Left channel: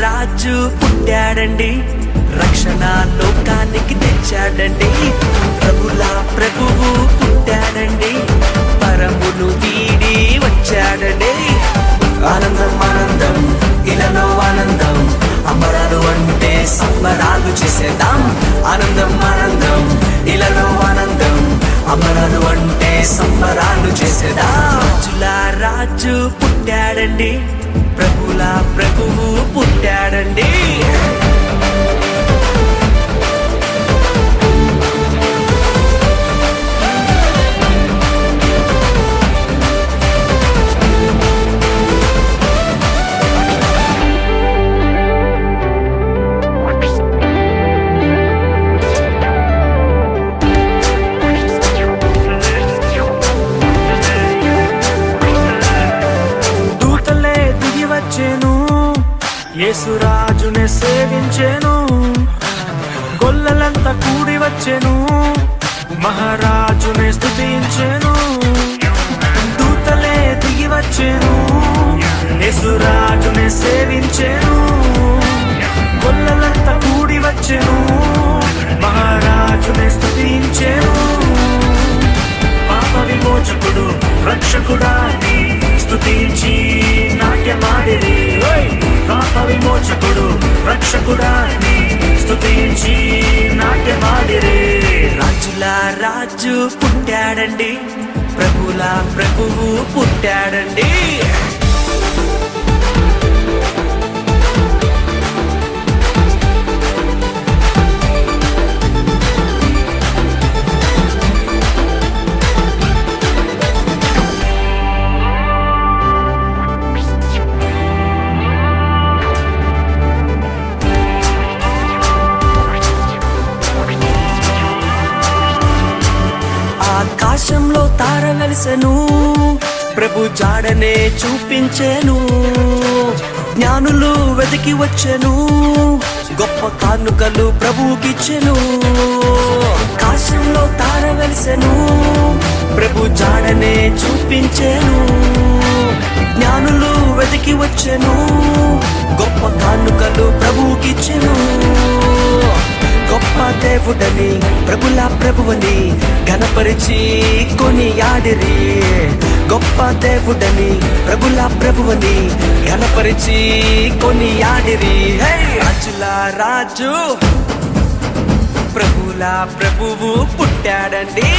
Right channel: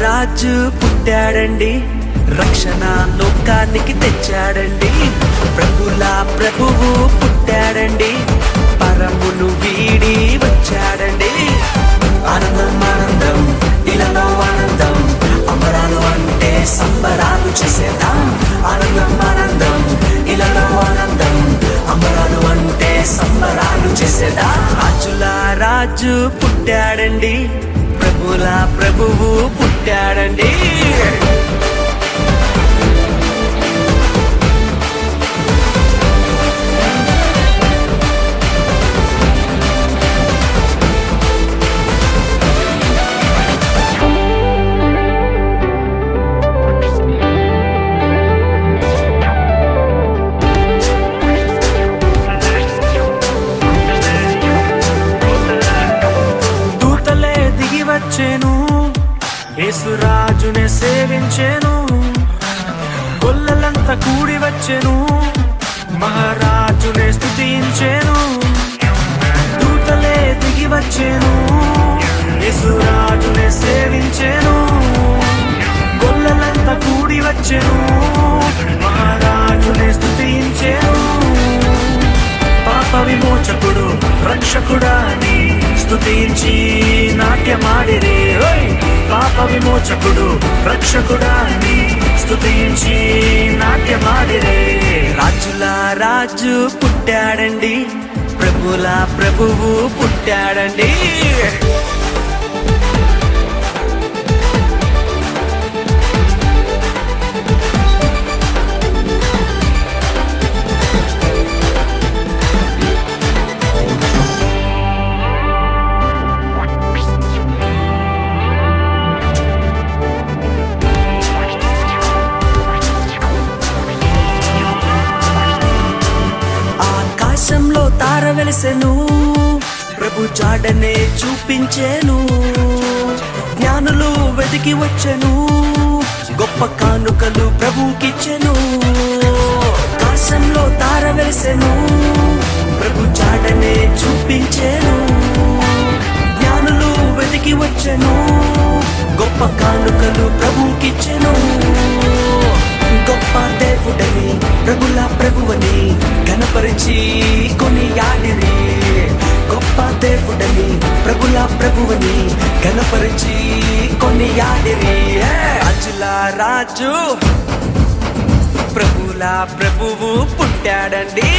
రాజు పుట్టాడండి, రక్షణ లోకానికి తెచ్చాడండి. ప్రభుల ప్రభువు పుట్టాడండి, పరమును వీడి వచ్చాడండి. ఆనందం ఆనందం ఇలలో ఆనందం, అమరాలు అంటే సంబరాలు చేసేద్దాం. ఆనందం ఆనందం ఇలలో ఆనందం, అమరాలు అంటే సంబరాలు చేసేద్దాం. రాజుల రాజు పుట్టాడండి, ప్రభుల ప్రభువు పుట్టాడండి. యేసురాజునే సేవించెను, కొల్లలంతా కూడి వచ్చెను, మహారాజునే స్తుతించెను. దూతలే దిగి వచ్చెను, యేసురాజునే సేవించెను, కొల్లలంతా కూడి వచ్చెను, మహారాజునే స్తుతించెను. పాప విమోచకుడు రక్షకుడాని స్తుతించి నాట్యమాడిరి. పాప విమోచకుడు రక్షకుడాని స్తుతించి నాట్యమాడిరి. రాజుల రాజు పుట్టాడండి, ప్రభుల ప్రభువు పుట్టాడండి. ఆకాశంలో తార వెలిసెను, ప్రభు జాడనే చూపించెను. జ్ఞానులు వెతికి వచ్చెను, గొప్ప కానుకలు ప్రభుకిచ్చెను. ఆకాశంలో తార వెలిసెను, ప్రభు జాడనే చూపించెను. జ్ఞానులు వెతికి వచ్చెను, గొప్ప కానుకలు ప్రభుకిచ్చెను. గొప్ప దేవుడని ప్రభుల ప్రభువని ఘనపరిచి కొనియాడిరి. గొప్ప దేవుడని ప్రభుల ప్రభువని ఘనపరిచి కొనియాడిరి. రాజుల రాజు ప్రభుల ప్రభువు పుట్టాడండి.